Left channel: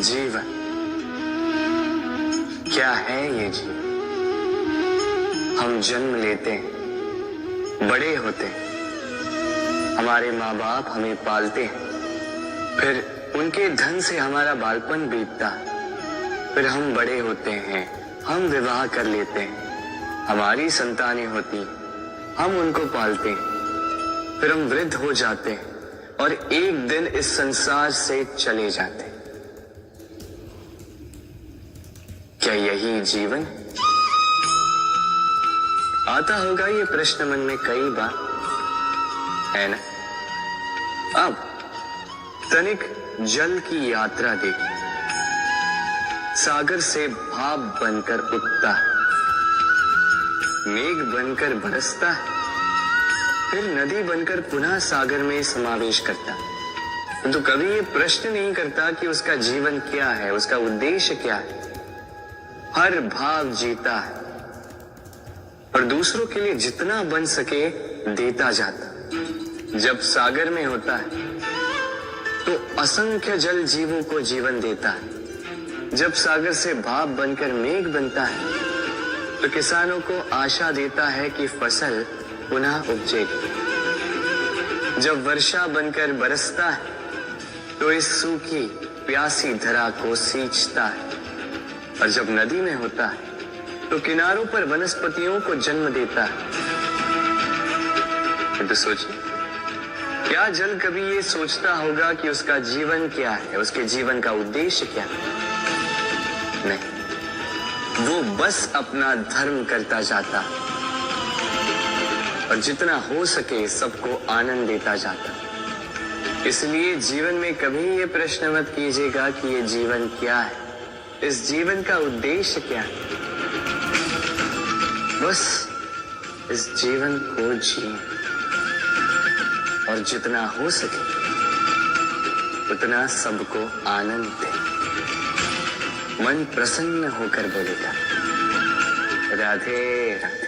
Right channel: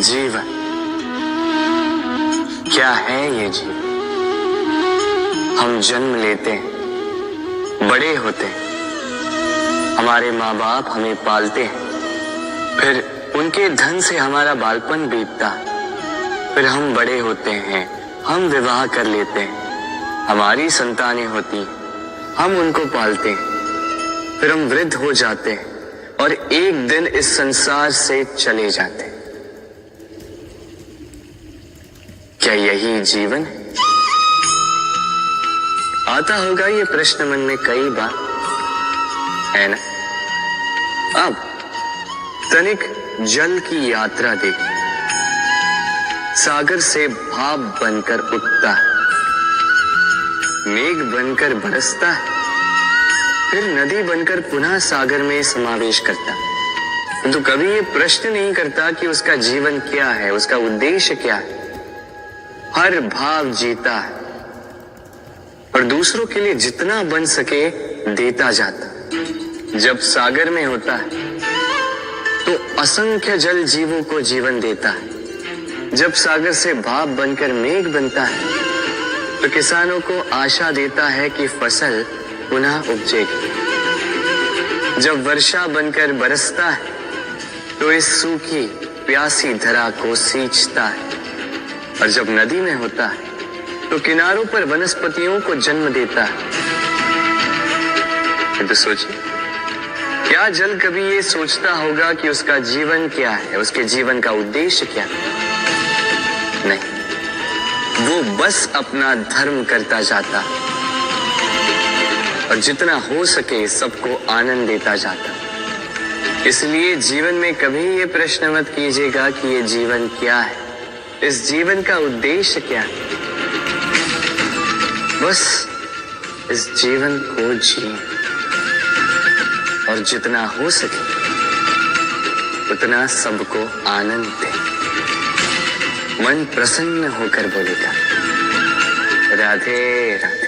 जीवन क्या है ये जीवन? हम जन्म लेते हैं, बड़े होते हैं, हमारे माँ बाप हमें पालते हैं, फिर उनके धन से हमारा बालपन बीतता है, फिर हम बड़े होते हैं, हम विवाह कर लेते हैं, हमारी संतानें होती हैं, हम उनको पालते हैं, फिर हम वृद्ध हो जाते हैं और एक दिन इस संसार से चले जाते हैं। क्या यही जीवन है? आता होगा ये प्रश्न मन में कई बार, है ना? अब तनिक जल की यात्रा देखिए। सागर से भाप बनकर उठता है, मेघ बनकर बरसता है, फिर नदी बनकर पुनः सागर में समावेश करता है। तो कभी ये प्रश्न नहीं करता कि उसका जीवन क्या है, उसका उद्देश्य क्या है। हर भाव जीता है और दूसरों के लिए जितना बन सके देता जाता। जब सागर में होता है तो असंख्य जल जीवों को जीवन देता है। जब सागर से भाप बनकर मेघ बनता है तो किसानों को आशा देता है कि फसल पुनः उपजेगी। जब वर्षा बनकर बरसता है तो इस सूखी प्यासी धरा को सींचता है। और जब नदी में होता है तो किनारों पर वनस्पतियों को जन्म देता है। तो सोचिए, क्या जल कभी ये सोचता होगा कि उसका जीवन क्या है, उसके जीवन का उद्देश्य क्या है? नहीं, वो बस अपना धर्म करता जाता और जितना हो सके सबको आनंद देता जाता। इसलिए जीवन में कभी ये प्रश्न मत कीजिएगा कि ये जीवन क्या है, इस जीवन का उद्देश्य क्या है। बस इस जीवन को जिए और जितना हो सके उतना सबको आनंद दे। मन प्रसन्न होकर बोलेगा, राधे राधे।